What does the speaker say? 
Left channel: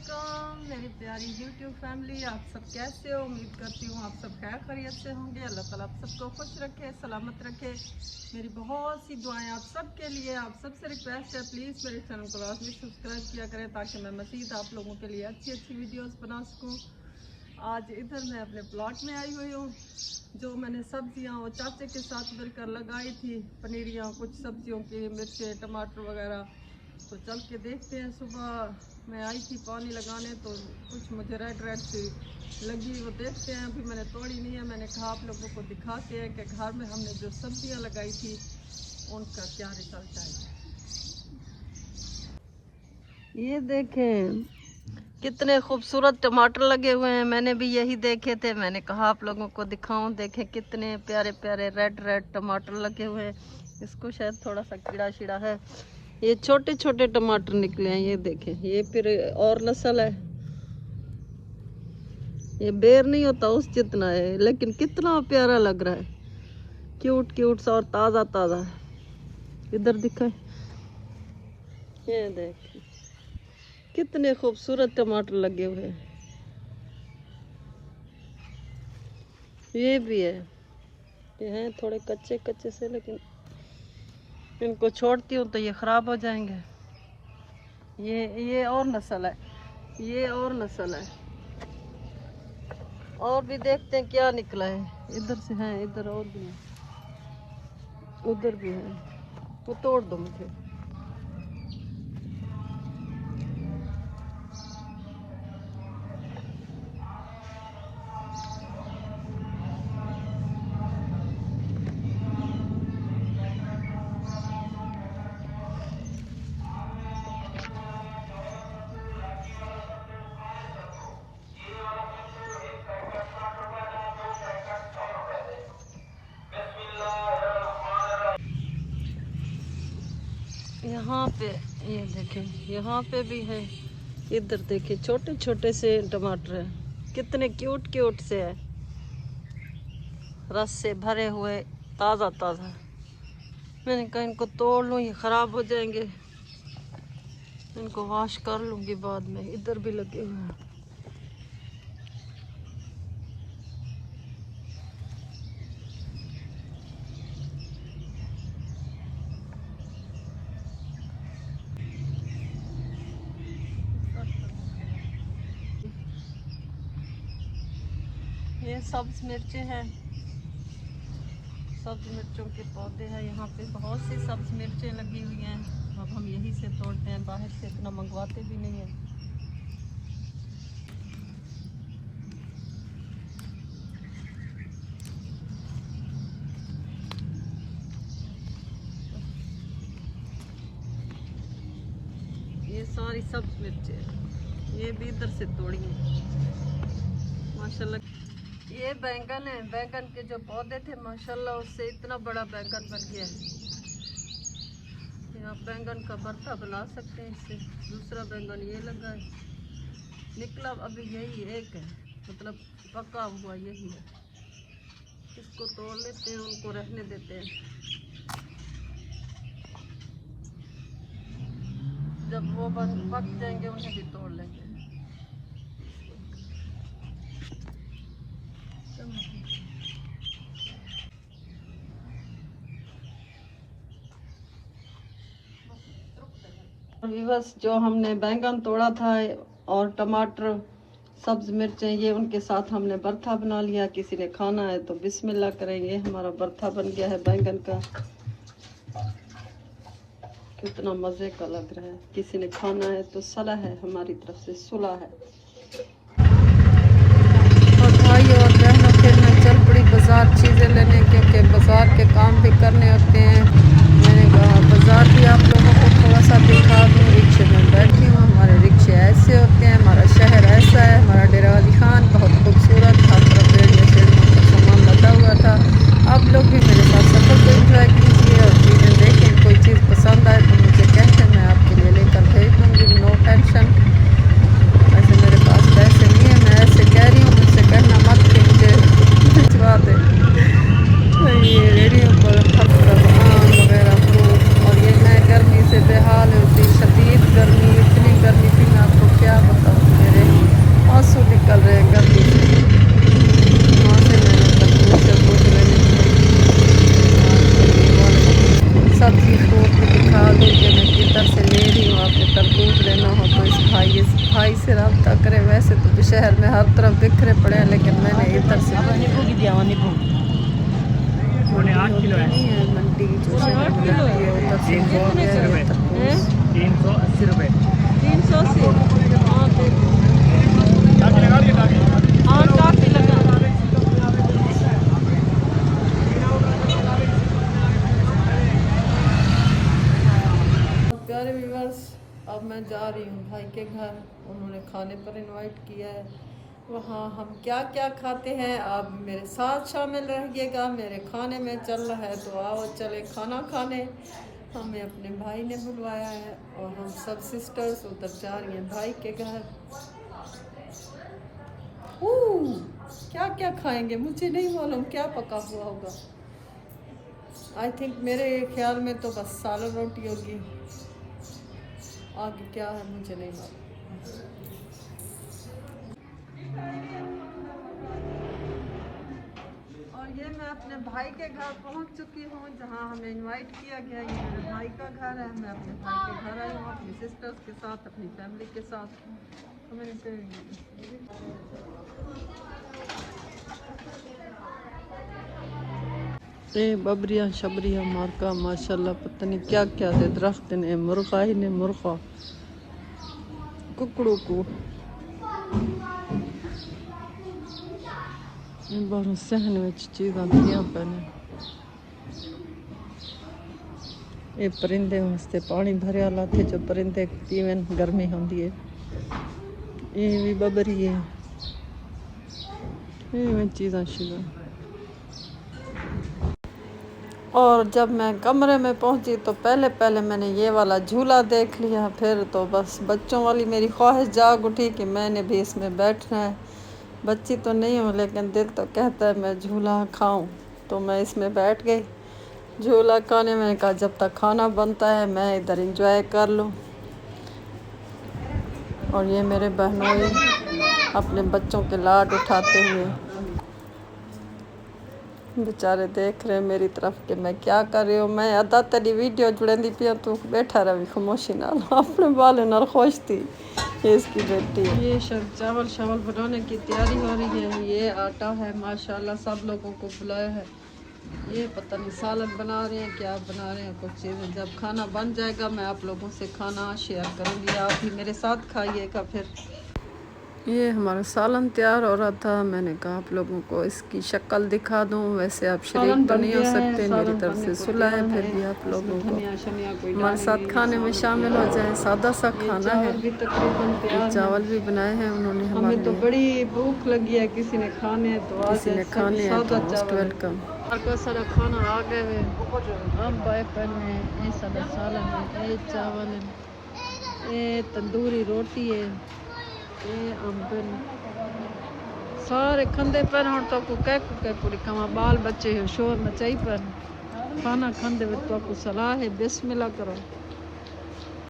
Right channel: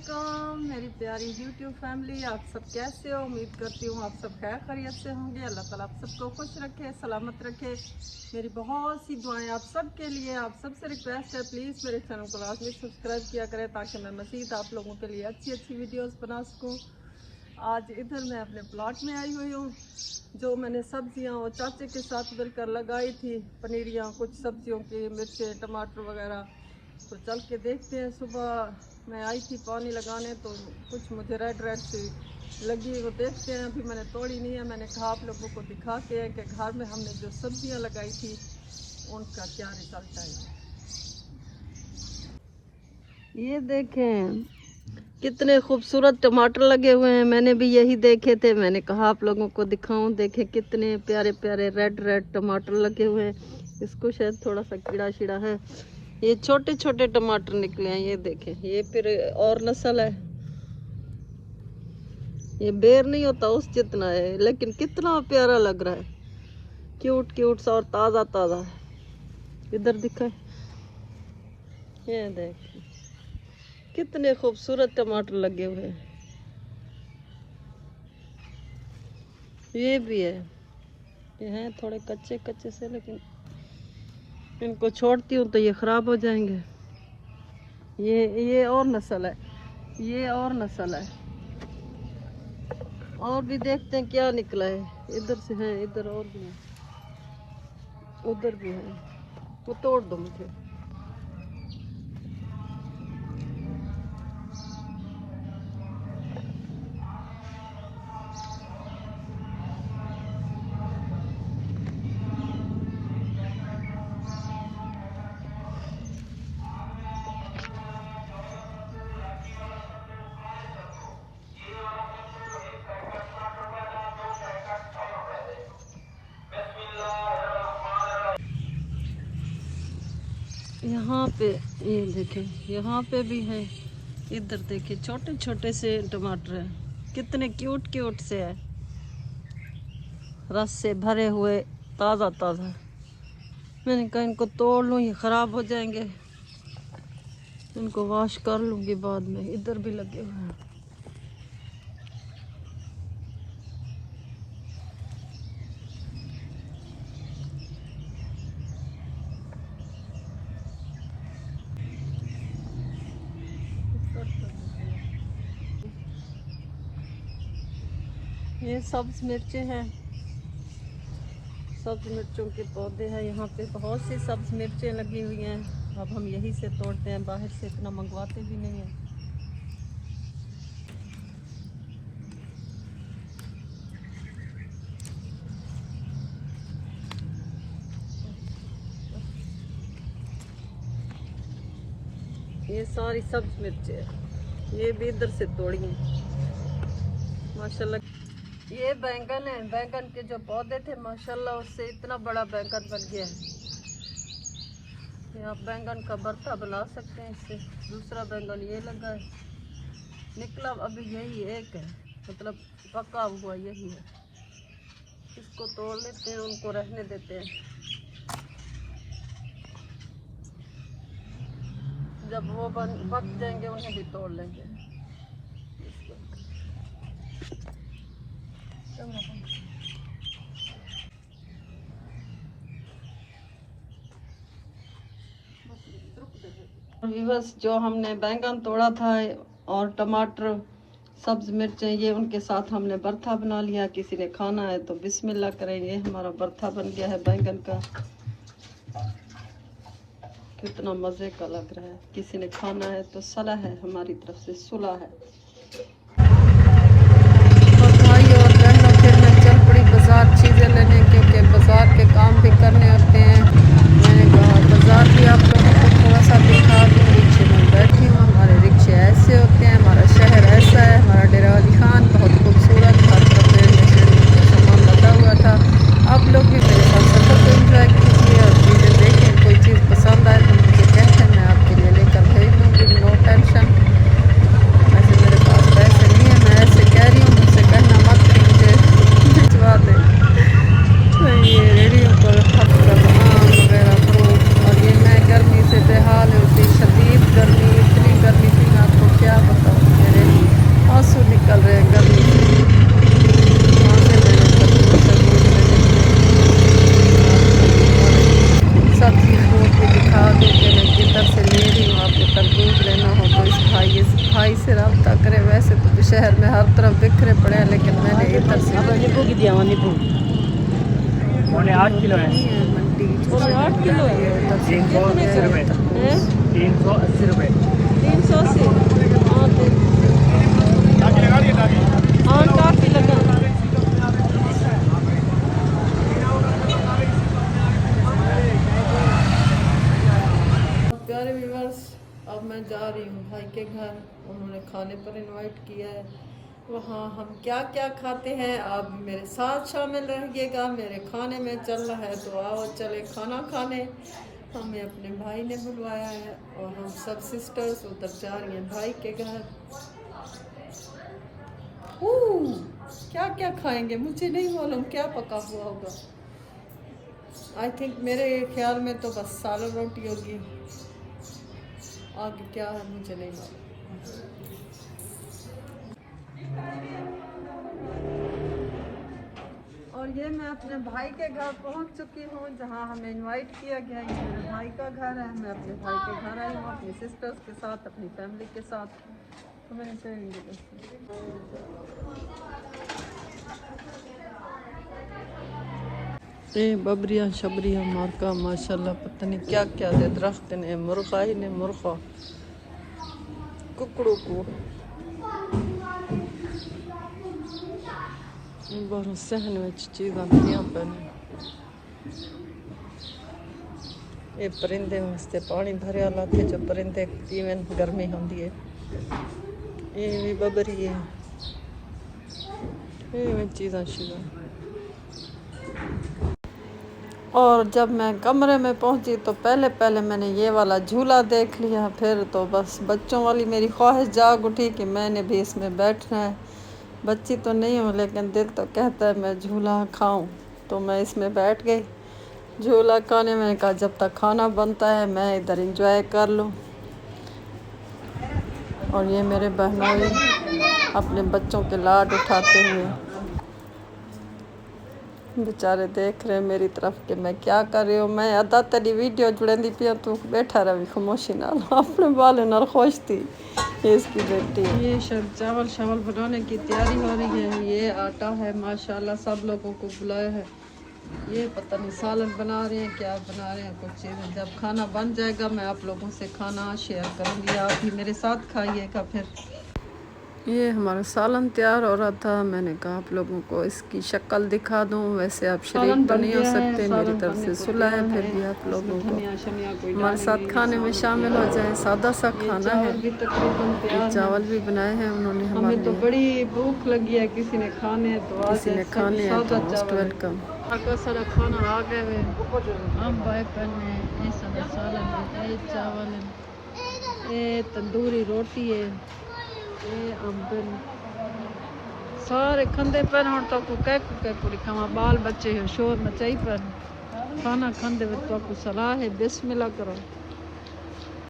वालेकुम मेरी प्यारी YouTube फैमिली, आप सब कैसे हो? उम्मीद करती हूँ आप सब खैर खैरियत से होंगे। अल्लाह ताला आप सबको खुश रखे, सलामत रखे। मेरी बहुत सी दुआएं आप सब के लिए। आप सबसे रिक्वेस्ट है, प्लीज़ मेरे चैनल को लाजमी सब्सक्राइब किया करें ताकि मैं मज़ीद आप लोगों के लिए अच्छी अच्छी वीडियोस बना सकूँ। आज इधर मैं अपने प्लॉट में आई हुई हूँ। जो मैंने सब्जियाँ और चाचे के साथ मिलकर लगाई थी, पनीरियाँ, कुछ सब्जियों की, मिर्चें, टमाटर वगैरह, तो चल के देखते हैं। सुबह मैं आई थी पानी लगाने तो कुछ मुझे रेड रेड सी लगी, वो देखते हैं। अभी मैंने तोड़ी नहीं है। मैंने कहा आप लोगों को दिखाते हैं कि घर में हमने जो सब्जियां लगाई थी उनका क्या रिजल्ट आया। ये देखें कितने खूबसूरत टमाटर लगे हुए हैं। मैंने भी यही देखे थे, मैंने कहा आप लोगों को दिखाऊं। देखें कितने प्यारे प्यारे रेड रेड टमाटर लगे हुए हैं। इसको शायद थोड़ा सा कीड़ा शीड़ा है। ये छोटे छोटे टमाटर निकले हैं, ये देखें। ये फिर और नस्ल है, ये बेर नहीं होता उस जितना है, लेकिन कितना प्यारा लग रहा है, क्यूट क्यूट सा और ताजा ताजा। इधर दिखाए, ये देखिए कितने खूबसूरत टमाटर लगे हुए हैं। ये भी है, ये हैं थोड़े कच्चे कच्चे से, लेकिन इनको छोड़ती हूँ तो ये खराब हो जाएंगे। ये और नस्ल है, ये और नस्ल है। और भी देखते हैं क्या निकला है। इधर से हैं, इधर और भी है, उधर भी है। वो तोड़ दो मुझे। यहाँ पे ये देखें, यहाँ पे भी है। इधर देखें छोटे छोटे से टमाटर हैं, कितने क्यूट क्यूट से हैं, रस से भरे हुए, ताज़ा ताज़ा। मैंने कहा इनको तोड़ लूँ, ये ख़राब हो जाएंगे, इनको वॉश कर लूँगी बाद में। इधर भी लगे हुए हैं। ये सब्ज मिर्चें हैं, सब्ज मिर्चों के पौधे हैं। यहाँ पे बहुत सी सब्ज मिर्चें लगी हुई हैं। अब हम यहीं से तोड़ते हैं, बाहर से इतना मंगवाते भी नहीं हैं। ये सारी सब्ज मिर्चें हैं, ये भी इधर से तोड़ी हैं माशाल्लाह। ये बैंगन है, बैंगन के जो पौधे थे माशाल्लाह उससे इतना बड़ा बैंगन बन गया है। आप बैंगन का भरता बना सकते हैं इससे। दूसरा बैंगन ये लगा है, निकला अभी यही एक है, मतलब पका हुआ यही है। इसको तोड़ लेते हैं, उनको रहने देते हैं। जब वो पक जाएंगे उन्हें भी तोड़ लेंगे। बस जो हमने बैंगन तोड़ा था और टमाटर, सब्ज मिर्चें, ये उनके साथ हमने भरता बना लिया। किसी ने खाना है तो बिस्मिल्लाह करेंगे। हमारा भरता बन गया है बैंगन का, कितना मज़े का लग रहा है। किसी ने खाना है तो सलाह है, हमारी तरफ से सुलह है। और भाई और बहनों, फिर मैं चल पड़ी बाज़ार चीज़ें लेने, क्योंकि बाज़ार के काम भी करने होते हैं। मैंने कहा बाज़ार भी आप लोगों को थोड़ा सा दिखा दूँ। रिक्शे में बैठी हूँ, हमारे रिक्शे ऐसे होते हैं, हमारा शहर ऐसा है। हमारा डेरा वाली खान बहुत खूबसूरत, हर तरफ रेडियो शेडियों का सामान लगा हुआ था। आप लोग भी मेरे साथ सफ़र को एंजॉय कीजिए और चीज़ें देखें। कोई चीज़ पसंद आए तो मुझे कहते हैं, मैं आपके लिए लेकर भेज दूँगी, नो टेंशन। वैसे मेरे पास पैसे नहीं है, मैं ऐसे कह रही हूँ, मुझसे कहना मत कि मुझे भिजवा दे। ये रेडियो पर हर तरफ आम वगैरह फ्रूट, और ये मैं गर्मी से बेहाल होती, शदीद गर्मी, इतनी गर्मी थी मैं आपको क्या बताऊँ। आंसू निकल रहे हैं गर्मी से। वहाँ से मैंने तरबूज लेने थे। आपको ये वाले सब्जी फ्रूट भी दिखा दूँ कि मैं किधर से ले रही हूँ। आपने तरबूज लेना हो तो इस भाई से रब्ता करें। वैसे तो शहर में हर तरफ बिखरे पड़े हैं, लेकिन मैंने इधर से मंडी नहीं है, मंडी जो शहर में लगती है उधर से ले लिया ये तरबूज। 380 रुपये। 380 हाँ काफ़ी लगा। प्यारे व्यूअर्स, अब मैं जा रही हूँ भाई के घर। उन्होंने खाने पर इनवाइट किया है। वहाँ हम क्या क्या खाते हैं आप मेरे साथ शामिल रहिएगा। मेरे खाने में चल रहा है तो आओ चले खाना खाने। हमें अपने भाई ने बुलवाया है और हम सब सिस्टर्स उधर जा रही हैं भाई के घर। क्या क्या खाएंगे मुझे नहीं मालूम, क्या पका हुआ होगा। आई थिंक मेरे ख्याल में तो बस सालन रोटी होगी, आगे क्या है मुझे नहीं मालूम। और ये मैं अपने भाई के घर पहुंच चुकी हूँ, जहाँ हमें इनवाइट किया गया। ये मेरे भाई का घर है। मैं अपने भाई के घर आई हूँ अपनी सिस्टर्स के साथ, अपनी फैमिली के साथ। तो मैंने बबरिया शबरिया मारका माशाल्लाह पता नहीं क्या क्या दे दरख्त ने। मुर्गा ही ने मुर्गा कुकड़ू को बाहरों सहन में चीज़ां दियां पैने। ये परिंदे वास्ते पानी भरिया लाते जो परिंदे पीवन गर्मी होंदी है। ये भी बबरी है, ये चीज़ां शीज़ां। और जब मैं कमरे में पहुंची तो पहले मैंने ये वाला झूला देख लिया। फिर तो बस बच्चों वाली मेरी ख्वाहिश जाग उठी कि मैंने भी इसमें बैठना है। बच्ची तो नहीं हूँ लेकिन दिल तो कहता है मैं झूला खाऊं। तो मैं इसमें बैठ गई झूला खाने। मैंने कहा जब तक खाना बनता है मैं इधर एंजॉय कर लूँ। और ये मेरे बहनोई अपने बच्चों के लाड उठाते हुए बेचारे देख रहे हैं मेरी तरफ कि मैं क्या कर रही हूँ। मैं अदा तेरी वीडियो जुड़ेंदी पिया तू बैठा रही खामोशी नाल अपने बाल नाल खुश थी। ये इसकी बेटी है। ये चावल शावल बनाने की तैयारी हो रही है। ये आटा है माशाल्लाह, सब लोगों को बुलाया है। ये पता नहीं सालन बना रहे हैं क्या बना रहे हैं कुछ चीज़ें। जब खाना बन जाएगा मैं आप लोगों से खाना शेयर करूँगी, आप भी मेरे साथ खाइएगा। फिर ये हमारा सालन तैयार हो रहा था। मैंने कहा आप लोगों को इसकी शक्ल दिखा दूं। वैसे आप शरीक तो नहीं हो सकते, मेरी तरफ से सुलह है, फिर भी आप लोगों को हमारे साथ खाने में शामिल हो जाए। सादा सा खाना है। ये चावल भी बनाए हैं उन्होंने हमारे लिए। बड़ी भूख लगी है, किसी ने खाने हैं तो मोस्ट वेलकम। चावल ये तंदूरी रोटी है। सारे खंदे पर हम तक पूरी खावा। बाल बच्चे शोर मचाई पर खाना खांदे तो सलाह है बिस्मिल्लाह करो।